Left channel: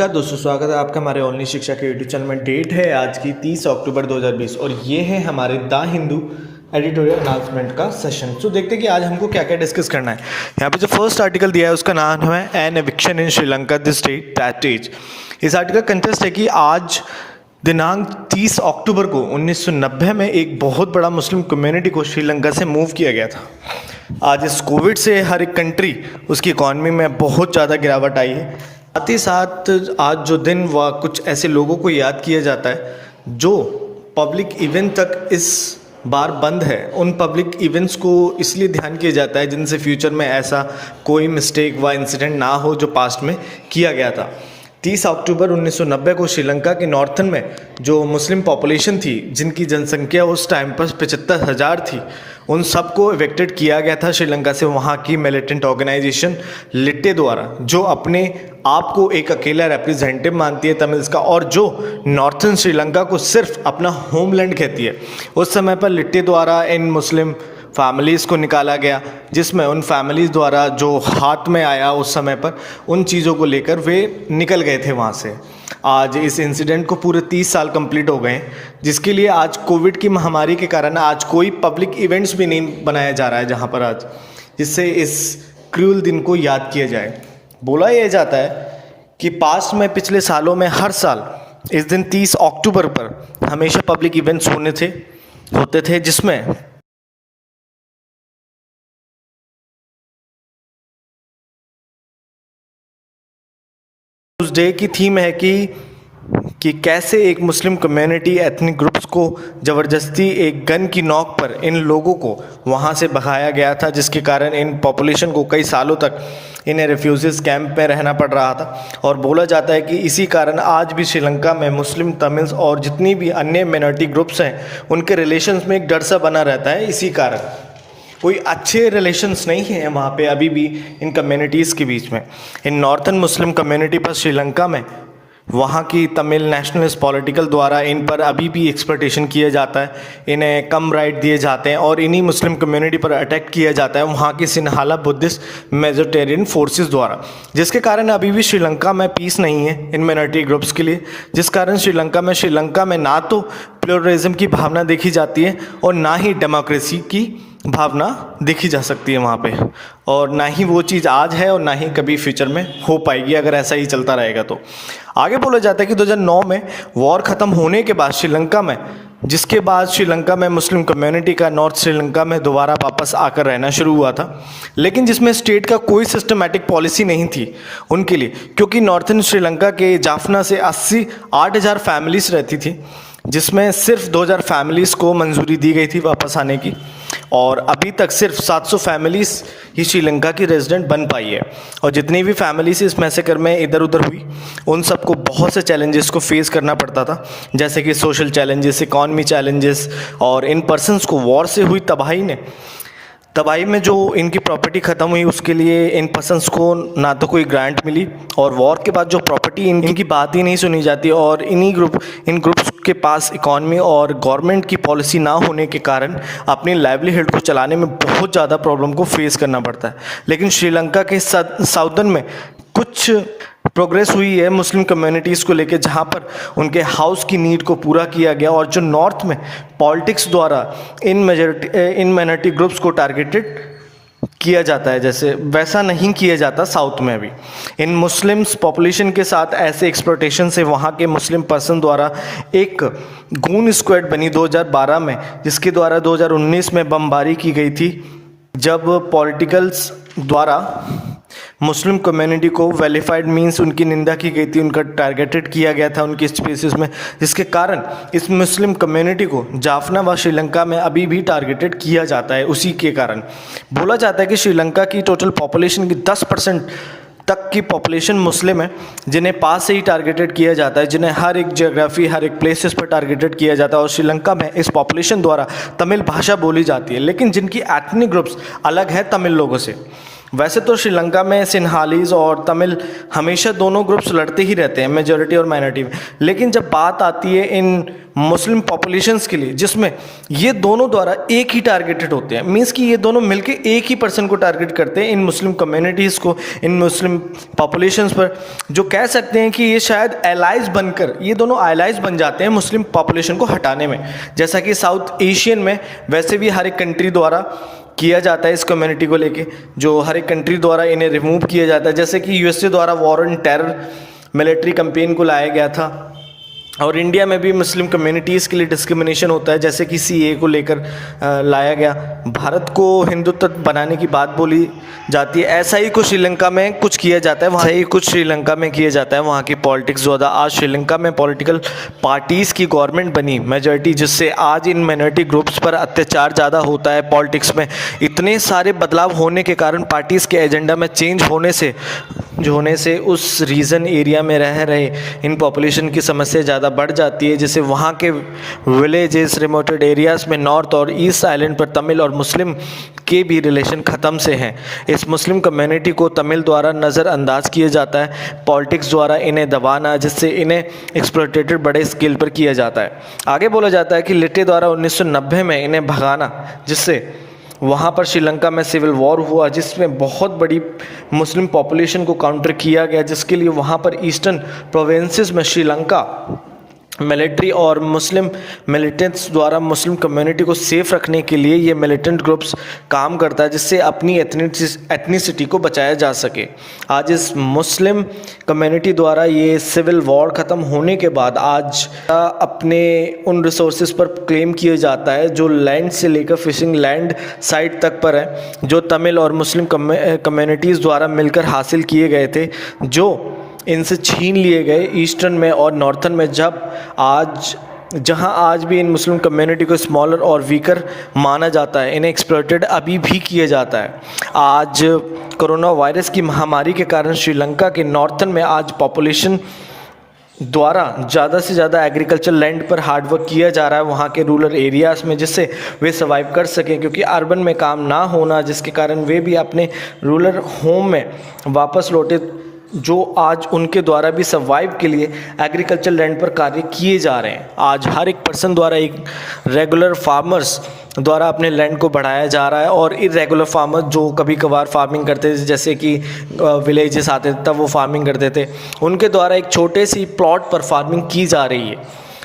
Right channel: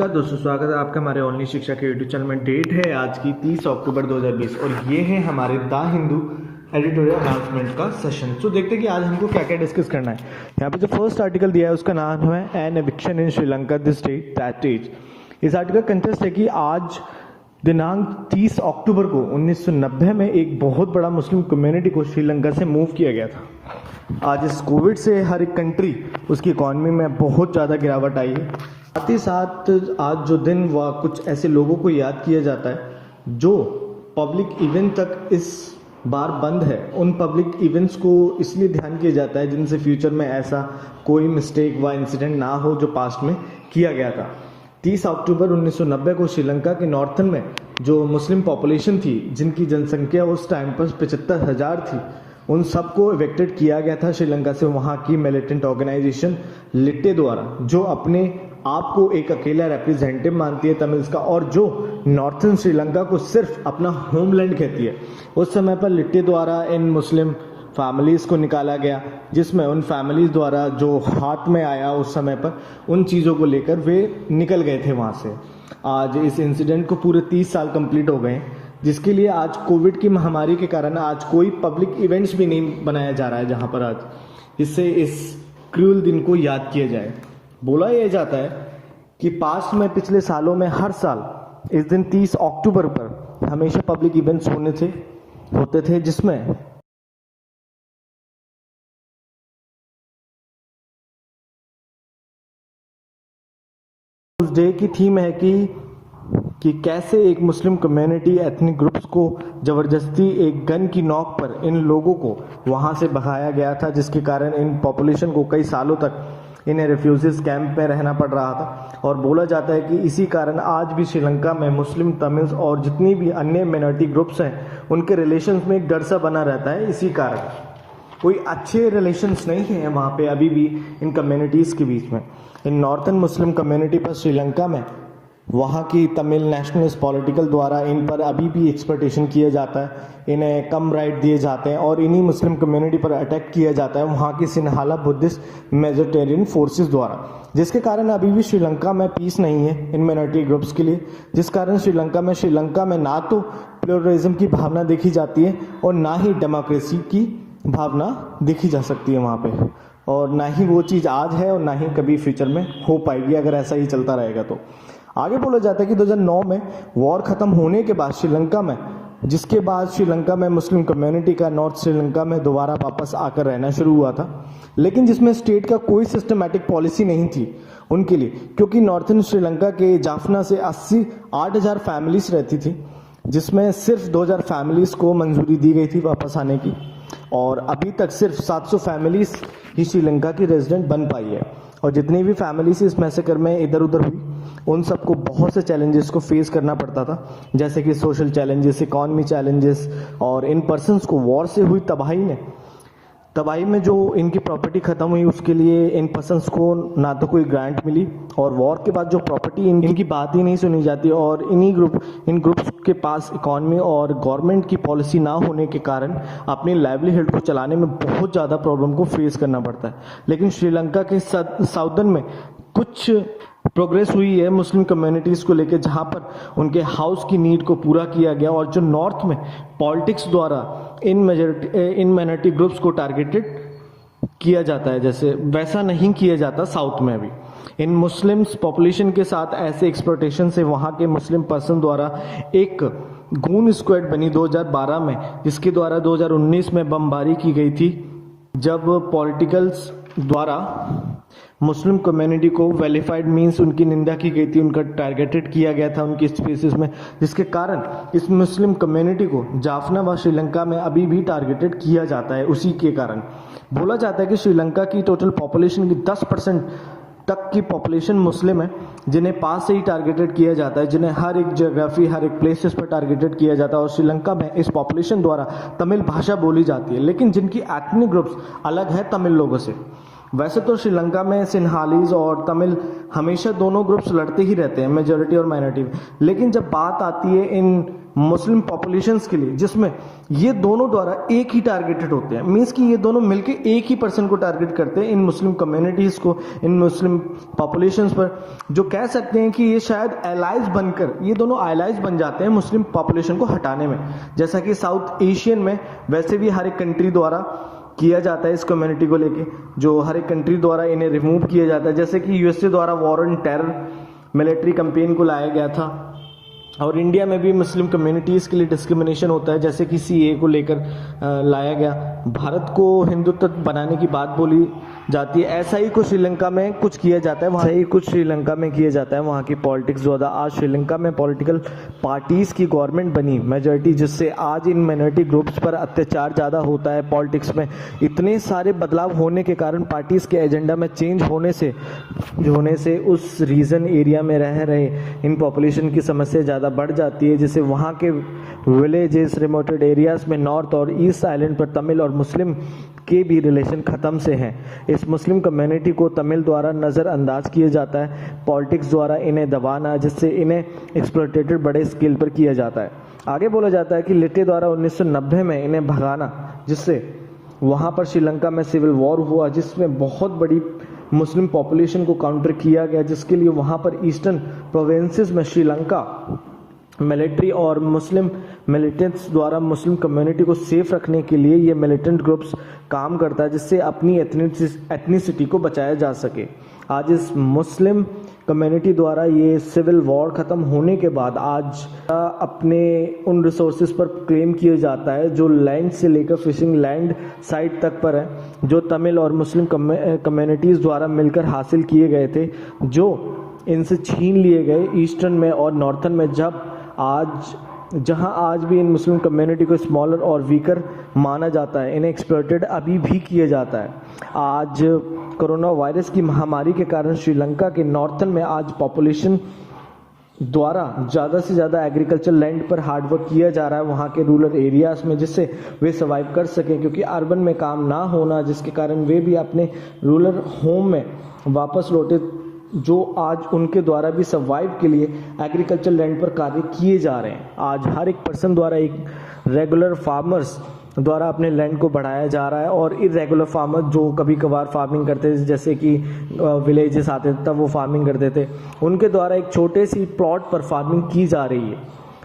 नमस्कार दोस्तों, स्वागत है आपका हमारे ऑनलाइन शिक्षा के यूट्यूब चैनल में। डेट है आज की 30 अक्टूबर 2020 और ये है हमारे द हिंदू एडिटोरियल अनाउंसमेंट का सेशन। तो देखते हैं कि आज हमको क्या क्या डिस्कस करना है। यहाँ पे जो फर्स्ट आर्टिकल दिया है उसका नाम है an eviction in Sri Lanka the state that is. इस आर्टिकल का कंटेस्ट है कि आज दिनांक 30 अक्टूबर को 1990 में एक बहुत बड़ा मुस्लिम कम्युनिटी को श्रीलंका से मूव किया गया था। आज इस कोविड से हर एक कंट्री उसकी इकॉनमी में बहुत ज़्यादा गिरावट आई है। साथ ही साथ आज जो दिन व कुछ ऐसे लोगों को याद किया जाता है जो पब्लिक इवेंट तक इस बार बंद है। उन पब्लिक इवेंट्स को इसलिए ध्यान किया जाता है जिनसे फ्यूचर में ऐसा कोई मिस्टेक व इंसिडेंट ना हो जो पास्ट में किया गया था। 30 अक्टूबर 1990 को श्रीलंका के नॉर्थन में जो मुस्लिम पॉपुलेशन थी, जिनकी जनसंख्या उस टाइम पर 75,000 थी, उन सबको इवेक्टेड किया गया था श्रीलंका से वहाँ की मिलिटेंट ऑर्गेनाइजेशन लिट्टे द्वारा, जो अपने आप को एक अकेला रिप्रेजेंटेटिव मानती है तमिल्स का और जो नॉर्थन श्रीलंका को सिर्फ अपना होमलैंड कहती है। उस समय पर लिट्टे द्वारा इन मुस्लिम फैमिलीज़ को निकाला गया, जिसमें उन फैमिलीज़ द्वारा जो हाथ में आया उस समय पर उन चीज़ों को लेकर वे निकल गए थे वहाँ से। आज इस इंसिडेंट को पूरे 30 साल कंप्लीट हो गए, जिसके लिए आज कोविड की महामारी के कारण आज कोई पब्लिक इवेंट्स भी नहीं बनाया जा रहा है जहाँ पर आज, जिससे इस क्रूअल दिन को याद किया जाए। बोला यह जाता है कि पास्ट में पिछले सालों में हर साल इस दिन 30 अक्टूबर पर हमेशा पब्लिक इवेंट्स होते थे जिसमें उस डे की थीम है कि कैसे एक मुस्लिम कम्युनिटी एथनिक ग्रुप्स को ज़बरदस्ती एक गन की नोक पर इन लोगों को वहाँ से भगाया गया था, जिसके कारण इन पॉपुलेशन को कई सालों तक इन्हें रेफ्यूजीज कैंप में रहना पड़ रहा था। और बोला जाता है कि इसी कारण आज भी श्रीलंका में मुस्लिम, तमिल्स और जितनी भी अन्य माइनॉरिटी ग्रुप्स हैं उनके रिलेशंस में एक डर सा बना रहता है। इसी कारण कोई अच्छे रिलेशंस नहीं है वहाँ पे अभी भी इन कम्युनिटीज़ के बीच में। इन नॉर्थन मुस्लिम कम्युनिटी पर श्रीलंका में वहाँ की तमिल नेशनलिस्ट पॉलिटिकल द्वारा इन पर अभी भी एक्सप्लॉयटेशन किया जाता है, इन्हें कम राइट दिए जाते हैं और इन्हीं मुस्लिम कम्युनिटी पर अटैक किया जाता है वहाँ की सिन्हाला बुद्धिस्ट मेजोरिटेरियन फोर्सेस द्वारा, जिसके कारण अभी भी श्रीलंका में पीस नहीं है इन माइनॉरिटी ग्रुप्स के लिए। जिस कारण श्रीलंका में ना तो प्लूरलिज्म की भावना देखी जाती है और ना ही डेमोक्रेसी की भावना देखी जा सकती है वहाँ पे, और ना ही वो चीज़ आज है और ना ही कभी फ्यूचर में हो पाएगी अगर ऐसा ही चलता रहेगा तो। आगे बोला जाता है कि 2009 में वॉर ख़त्म होने के बाद श्रीलंका में, जिसके बाद श्रीलंका में मुस्लिम कम्युनिटी का नॉर्थ श्रीलंका में दोबारा वापस आकर रहना शुरू हुआ था, लेकिन जिसमें स्टेट का कोई सिस्टमैटिक पॉलिसी नहीं थी उनके लिए, क्योंकि नॉर्थन श्रीलंका के जाफना से 8,000 फैमिलीज़ रहती थी, जिसमें सिर्फ 2,000 फैमिलीज़ को मंजूरी दी गई थी वापस आने की, और अभी तक सिर्फ 700 फैमिलीज़ ही श्रीलंका की रेजिडेंट बन पाई है। और जितनी भी फैमिलीज़ इस मैसेकर में इधर उधर हुई उन सबको बहुत से चैलेंजेस को फेस करना पड़ता था, जैसे कि सोशल चैलेंजेस, इकॉनमी चैलेंजेस, और इन पर्सनस को वॉर से हुई तबाही में जो इनकी प्रॉपर्टी ख़त्म हुई उसके लिए इन पर्सन्स को ना तो कोई ग्रांट मिली, और वॉर के बाद जो प्रॉपर्टी इनकी बात ही नहीं सुनी जाती, और इन ग्रुप्स के पास इकॉनमी और गवर्नमेंट की पॉलिसी ना होने के कारण अपनी लाइवलीहुड को चलाने में बहुत ज़्यादा प्रॉब्लम को फेस करना पड़ता है। लेकिन श्रीलंका के साउदर्न में कुछ प्रोग्रेस हुई है मुस्लिम कम्युनिटीज़ को लेकर, जहाँ पर उनके हाउस की नीड को पूरा किया गया, और जो नॉर्थ में पॉलिटिक्स द्वारा इन माइनॉरिटी ग्रुप्स को टारगेटेड किया जाता है, जैसे वैसा नहीं किया जाता साउथ में भी। इन मुस्लिम्स पॉपुलेशन के साथ ऐसे एक्सप्लॉयटेशन से वहाँ के मुस्लिम पर्सन द्वारा एक गून स्क्वाड बनी 2012 में, जिसके द्वारा 2019 में बमबारी की गई थी, जब पॉलिटिकल्स द्वारा मुस्लिम कम्युनिटी को वेलीफाइड मींस उनकी निंदा की गई थी, उनका टारगेटेड किया गया था उनकी स्पेसिस में, जिसके कारण इस मुस्लिम कम्युनिटी को जाफना व श्रीलंका में अभी भी टारगेटेड किया जाता है। उसी के कारण बोला जाता है कि श्रीलंका की टोटल पॉपुलेशन की 10% तक की पॉपुलेशन मुस्लिम है, जिन्हें पास से ही टारगेटेड किया जाता है, जिन्हें हर एक जियोग्राफी, हर एक प्लेसेस पर टारगेटेड किया जाता है। और श्रीलंका में इस पॉपुलेशन द्वारा तमिल भाषा बोली जाती है, लेकिन जिनकी एथनिक ग्रुप्स अलग है तमिल लोगों से, वैसे तो श्रीलंका में सिन्हालीज और तमिल हमेशा दोनों ग्रुप्स लड़ते ही रहते हैं, मेजॉरिटी और माइनॉरिटी में। लेकिन जब बात आती है इन मुस्लिम पॉपुलेशंस के लिए, जिसमें ये दोनों द्वारा एक ही टारगेटेड होते हैं, मीन्स कि ये दोनों मिलके एक ही पर्सन को टारगेट करते हैं, इन मुस्लिम कम्युनिटीज़ को, इन मुस्लिम पॉपुलेशंस पर, जो कह सकते हैं कि ये शायद एलाइज बनकर, ये दोनों एलाइज बन जाते हैं मुस्लिम पॉपुलेशन को हटाने में। जैसा कि साउथ एशियन में वैसे भी हर एक कंट्री द्वारा किया जाता है इस कम्युनिटी को लेके, जो हर एक कंट्री द्वारा इन्हें रिमूव किया जाता है। जैसे कि यूएसए द्वारा war on terror military campaign को लाया गया था, और इंडिया में भी मुस्लिम कम्युनिटीज़ के लिए डिस्क्रिमिनेशन होता है, जैसे कि सीए को लेकर लाया गया। भारत को हिंदुत्व बनाने की बात बोली जाती है, ऐसा ही कुछ श्रीलंका में कुछ किया जाता है, वहाँ ही कुछ श्रीलंका में किया जाता है। वहाँ की पॉलिटिक्स ज़्यादा, आज श्रीलंका में पॉलिटिकल पार्टीज़ की गवर्नमेंट बनी मेजॉरिटी, जिससे आज इन माइनॉरिटी ग्रुप्स पर अत्याचार ज़्यादा होता है पॉलिटिक्स में। इतने सारे बदलाव होने के कारण, पार्टीज़ के एजेंडा में चेंज होने से उस रीजन एरिया में रह रहे इन पॉपुलेशन की समस्या ज़्यादा बढ़ जाती है, जिससे वहाँ के विलेजेस, रिमोटेड एरियाज़ में नॉर्थ और ईस्ट आइलैंड पर तमिल और मुस्लिम के भी रिलेशन ख़त्म से हैं। इस मुस्लिम कम्युनिटी को तमिल द्वारा नज़रअंदाज किया जाता है, पॉलिटिक्स द्वारा इन्हें दबाना, जिससे इन्हें एक्सप्लॉइटेड बड़े स्केल पर किया जाता है। आगे बोला जाता है कि लिट्टे द्वारा 1990 में इन्हें भगाना, जिससे वहाँ पर श्रीलंका में सिविल वॉर हुआ, जिसमें बहुत बड़ी मुस्लिम पॉपुलेशन को काउंटर किया गया, जिसके लिए वहाँ पर ईस्टर्न प्रोविंसेस में श्रीलंका मिलिट्री और मुस्लिम मिलिटेंट्स द्वारा मुस्लिम कम्युनिटी को सेफ रखने के लिए ये मिलिटेंट ग्रुप्स काम करता है, जिससे अपनी एथनिसिटी को बचाया जा सके। आज इस मुस्लिम कम्युनिटी द्वारा ये सिविल वॉर ख़त्म होने के बाद आज अपने उन रिसोर्सेज पर क्लेम किया जाता है जो लैंड से लेकर फिशिंग लैंड साइट तक पर है, जो तमिल और मुस्लिम कम्युनिटीज़ द्वारा मिलकर हासिल किए गए थे, जो इनसे छीन लिए गए ईस्टर्न में और नॉर्थन में। जहां आज भी इन मुस्लिम कम्युनिटी को स्मॉलर और वीकर माना जाता है, इन्हें एक्सप्लॉइटेड अभी भी किया जाता है। आज कोरोना वायरस की महामारी के कारण श्रीलंका के नॉर्थन में आज पॉपुलेशन द्वारा ज़्यादा से ज़्यादा एग्रीकल्चर लैंड पर हार्डवर्क किया जा रहा है वहाँ के रूरल एरियाज़ में, जिससे वे सर्वाइव कर सकें, क्योंकि अर्बन में काम ना होना, जिसके कारण वे भी अपने रूरल होम में वापस लौटे, जो आज उनके द्वारा भी सर्वाइव के लिए एग्रीकल्चर लैंड पर कार्य किए जा रहे हैं। आज हर एक पर्सन द्वारा, एक रेगुलर फार्मर्स द्वारा अपने लैंड को बढ़ाया जा रहा है, और इरेगुलर फार्मर्स जो कभी कभार फार्मिंग करते थे, जैसे कि विलेजेस आते थे तब वो फार्मिंग करते थे, उनके द्वारा एक छोटे सी प्लॉट पर फार्मिंग की जा रही है,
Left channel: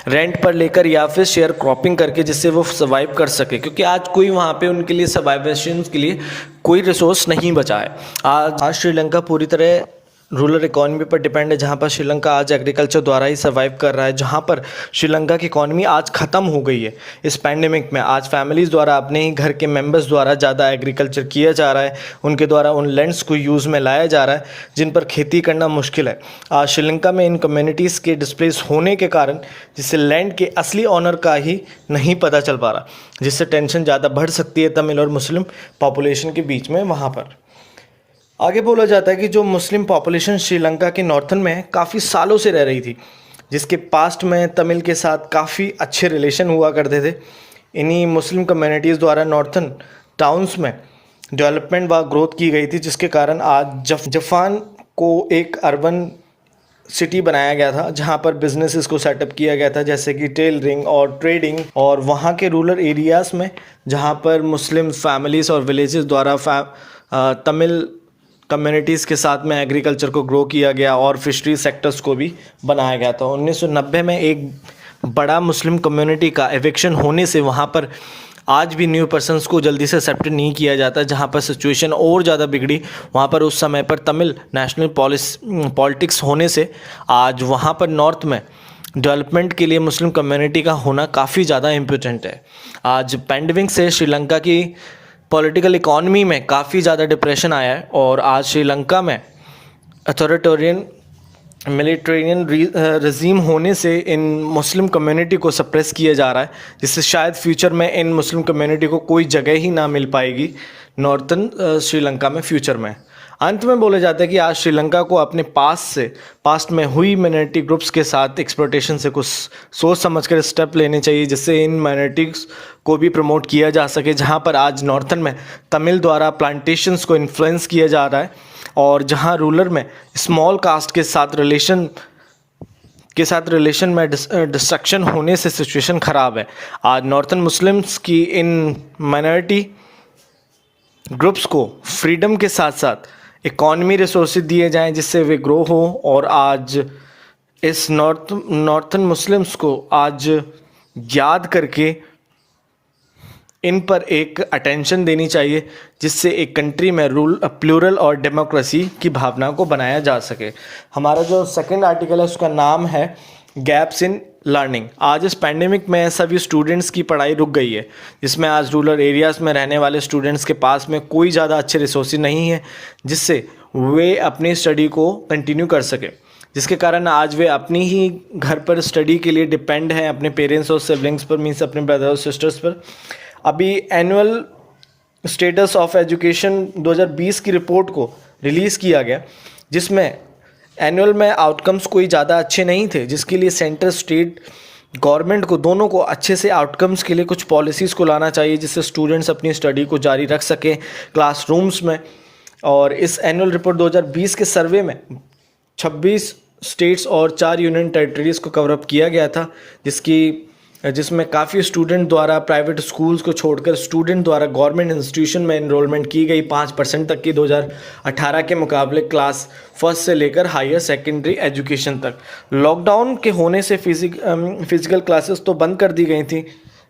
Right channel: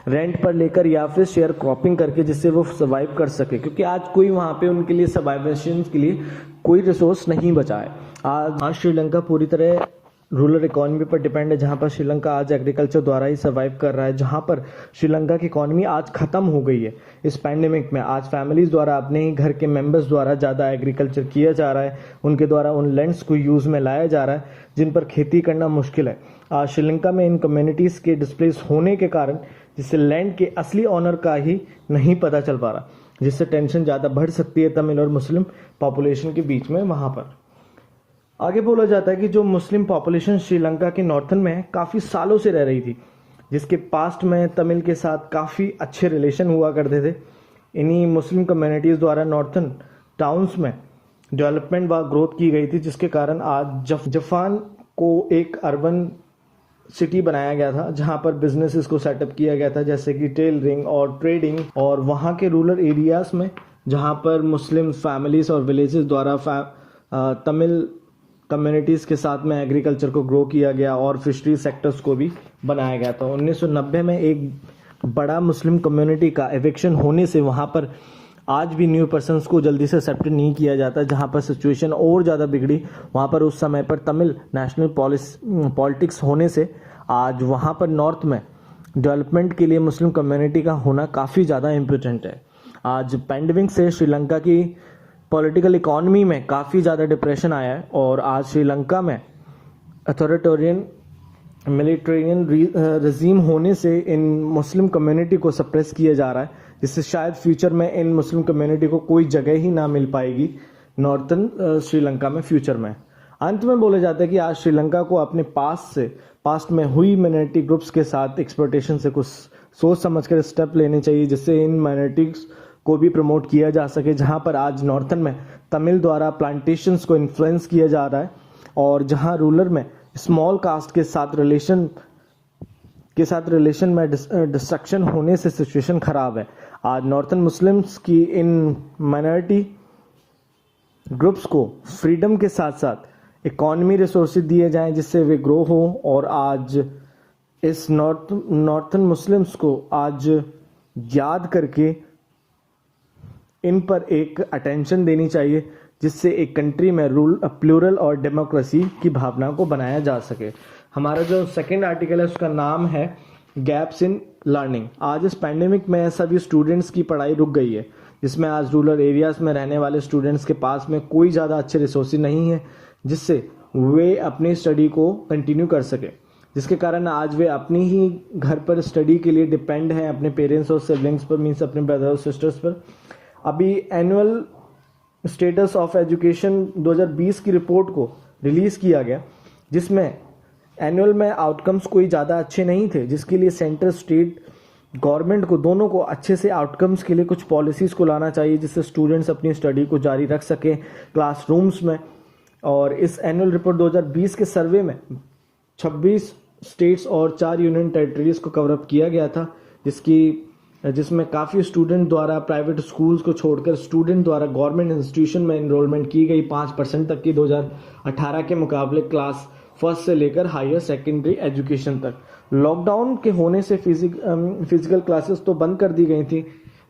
रेंट पर लेकर या फिर शेयर क्रॉपिंग करके, जिससे वो सर्वाइव कर सके, क्योंकि आज कोई वहाँ पे उनके लिए सर्वाइवेशन के लिए कोई रिसोर्स नहीं बचा है। आज श्रीलंका पूरी तरह रूरल इकॉनमी पर डिपेंड है, जहाँ पर श्रीलंका आज एग्रीकल्चर द्वारा ही सर्वाइव कर रहा है, जहाँ पर श्रीलंका की इकॉनमी आज ख़त्म हो गई है इस पैंडेमिक में। आज फैमिलीज़ द्वारा, अपने ही घर के मेंबर्स द्वारा ज़्यादा एग्रीकल्चर किया जा रहा है, उनके द्वारा उन लैंड्स को यूज़ में लाया जा रहा है जिन पर खेती करना मुश्किल है। आज श्रीलंका में इन कम्युनिटीज़ के डिस्प्लेस होने के कारण, जिससे लैंड के असली ऑनर का ही नहीं पता चल पा रहा, जिससे टेंशन ज़्यादा बढ़ सकती है तमिल और मुस्लिम पॉपुलेशन के बीच में वहाँ पर। आगे बोला जाता है कि जो मुस्लिम पॉपुलेशन श्रीलंका के नॉर्थन में काफ़ी सालों से रह रही थी, जिसके पास्ट में तमिल के साथ काफ़ी अच्छे रिलेशन हुआ करते थे, इन्हीं मुस्लिम कम्युनिटीज़ द्वारा नॉर्थन टाउन्स में डेवलपमेंट व ग्रोथ की गई थी, जिसके कारण आज जफान को एक अर्बन सिटी बनाया गया था, जहां पर बिजनेसेस को सेटअप किया गया था, जैसे कि टेलरिंग और ट्रेडिंग, और वहां के रूरल एरियाज़ में जहां पर मुस्लिम फैमिलीज़ और विलेजेस द्वारा तमिल कम्युनिटीज़ के साथ में एग्रीकल्चर को ग्रो किया गया और फिशरी सेक्टर्स को भी बनाया गया था। 1990 में एक बड़ा मुस्लिम कम्युनिटी का एविक्शन होने से वहाँ पर आज भी न्यू पर्सन्स को जल्दी से एक्सेप्ट नहीं किया जाता, जहाँ पर सिचुएशन और ज़्यादा बिगड़ी। वहाँ पर उस समय पर तमिल नेशनल पॉलिटिक्स होने से आज वहाँ पर नॉर्थ में डेवलपमेंट के लिए मुस्लिम कम्युनिटी का होना काफ़ी ज़्यादा इम्पोर्टेंट है। आज पैंडेमिक से श्रीलंका की पॉलिटिकल इकॉनमी में काफ़ी ज़्यादा डिप्रेशन आया है, और आज श्रीलंका में अथॉरिटेरियन मिलिटेरियन रजीम होने से इन मुस्लिम कम्युनिटी को सप्रेस किया जा रहा है, जिससे शायद फ्यूचर में इन मुस्लिम कम्युनिटी को कोई जगह ही ना मिल पाएगी नॉर्थन श्रीलंका में फ्यूचर में। अंत में बोले जाते हैं कि आज श्रीलंका को अपने पास्ट में हुई माइनॉरिटी ग्रुप्स के साथ एक्सप्लॉयटेशन से कुछ सोच समझकर स्टेप लेने चाहिए, जिससे इन माइनॉरिटीज़ को भी प्रमोट किया जा सके। जहां पर आज नॉर्थन में तमिल द्वारा प्लांटेशंस को इन्फ्लुएंस किया जा रहा है, और जहां रूरल में स्मॉल कास्ट के साथ रिलेशन में डिस्ट्रक्शन होने से सिचुएशन ख़राब है। आज नॉर्थन मुस्लिम्स की इन माइनॉरिटी ग्रुप्स को फ्रीडम के साथ साथ इकॉनमी रिसोर्सेज दिए जाएं, जिससे वे ग्रो हो। और आज इस नॉर्थन मुस्लिम्स को आज याद करके इन पर एक अटेंशन देनी चाहिए, जिससे एक कंट्री में प्लूरल और डेमोक्रेसी की भावना को बनाया जा सके। हमारा जो सेकंड आर्टिकल है उसका नाम है गैप्स इन लर्निंग। आज इस पैंडेमिक में सभी स्टूडेंट्स की पढ़ाई रुक गई है, जिसमें आज रूरल एरियाज़ में रहने वाले स्टूडेंट्स के पास में कोई ज़्यादा अच्छे रिसोर्सेज नहीं है, जिससे वे अपनी स्टडी को कंटिन्यू कर सके, जिसके कारण आज वे अपनी ही घर पर स्टडी के लिए डिपेंड हैं अपने पेरेंट्स और सिबलिंग्स पर, मीन्स अपने ब्रदर और सिस्टर्स पर। अभी एनुअल स्टेटस ऑफ एजुकेशन 2020 की रिपोर्ट को रिलीज़ किया गया, जिसमें एनुअल में आउटकम्स कोई ज़्यादा अच्छे नहीं थे, जिसके लिए सेंटर स्टेट गवर्नमेंट को दोनों को अच्छे से आउटकम्स के लिए कुछ पॉलिसीज़ को लाना चाहिए, जिससे स्टूडेंट्स अपनी स्टडी को जारी रख सकें क्लासरूम्स में। और इस एनुअल रिपोर्ट 2020 के सर्वे में 26 स्टेट्स और 4 यूनियन टेरिटरीज़ को कवरअप किया गया था, जिसमें काफ़ी स्टूडेंट द्वारा प्राइवेट स्कूल्स को छोड़कर स्टूडेंट द्वारा गवर्नमेंट इंस्टीट्यूशन में एनरोलमेंट की गई 5% तक की 2018 के मुकाबले क्लास फर्स्ट से लेकर हायर सेकेंडरी एजुकेशन तक। लॉकडाउन के होने से फिज़िकल क्लासेस तो बंद कर दी गई थी,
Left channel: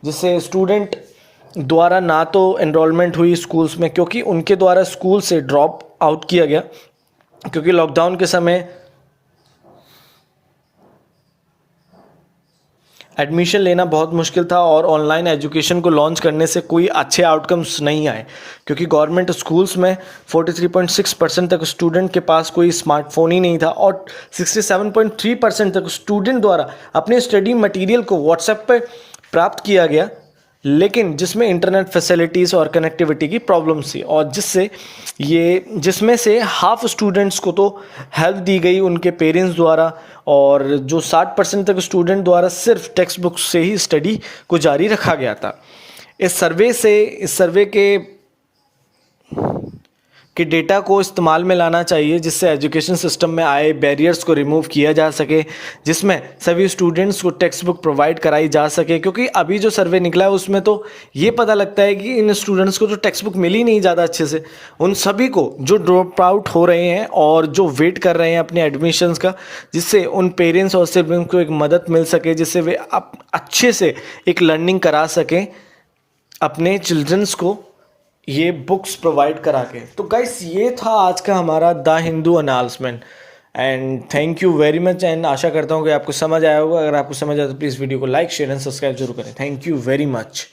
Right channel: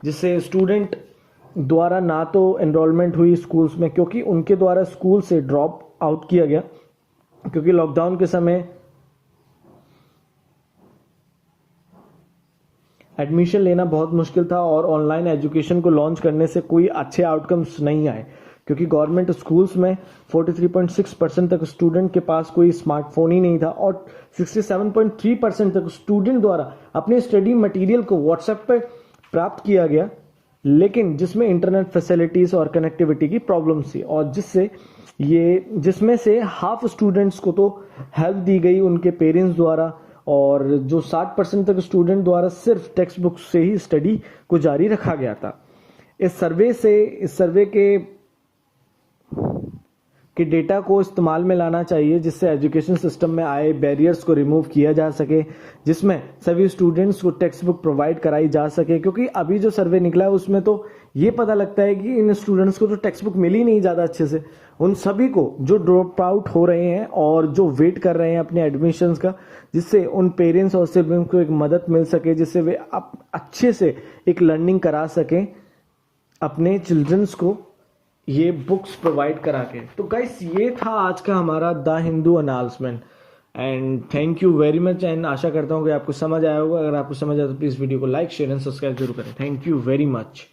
जिससे स्टूडेंट द्वारा ना तो एनरोलमेंट हुई स्कूल्स में, क्योंकि उनके द्वारा स्कूल से ड्रॉप आउट किया गया, क्योंकि लॉकडाउन के समय एडमिशन लेना बहुत मुश्किल था और ऑनलाइन एजुकेशन को लॉन्च करने से कोई अच्छे आउटकम्स नहीं आए, क्योंकि गवर्नमेंट स्कूल्स में 43.6% तक स्टूडेंट के पास कोई स्मार्टफोन ही नहीं था, और 67.3% तक स्टूडेंट द्वारा अपने स्टडी मटेरियल को व्हाट्सएप पर प्राप्त किया गया, लेकिन जिसमें इंटरनेट फैसिलिटीज़ और कनेक्टिविटी की प्रॉब्लम्स थी, और जिसमें से हाफ स्टूडेंट्स को तो हेल्प दी गई उनके पेरेंट्स द्वारा, और जो 60% तक स्टूडेंट द्वारा सिर्फ टेक्स्ट बुक से ही स्टडी को जारी रखा गया था। इस सर्वे के डेटा को इस्तेमाल में लाना चाहिए, जिससे एजुकेशन सिस्टम में आए बैरियर्स को रिमूव किया जा सके, जिसमें सभी स्टूडेंट्स को टेक्स्ट बुक प्रोवाइड कराई जा सके। क्योंकि अभी जो सर्वे निकला है उसमें तो ये पता लगता है कि इन स्टूडेंट्स को तो टेक्स्ट बुक मिली नहीं ज़्यादा अच्छे से, उन सभी को जो ड्रॉप आउट हो रहे हैं और जो वेट कर रहे हैं अपने एडमिशन्स का, जिससे उन पेरेंट्स और सिबलिंग्स को एक मदद मिल सके, जिससे वे अच्छे से एक लर्निंग करा सकें अपने चिल्ड्रंस को ये बुक्स प्रोवाइड करा के। तो गाइस, ये था आज का हमारा the Hindu announcement, and thank you very much. And आशा करता हूँ कि आपको समझ आया होगा। अगर आपको समझ आया तो प्लीज़ वीडियो को लाइक, शेयर एंड सब्सक्राइब जरूर करें। Thank you very much.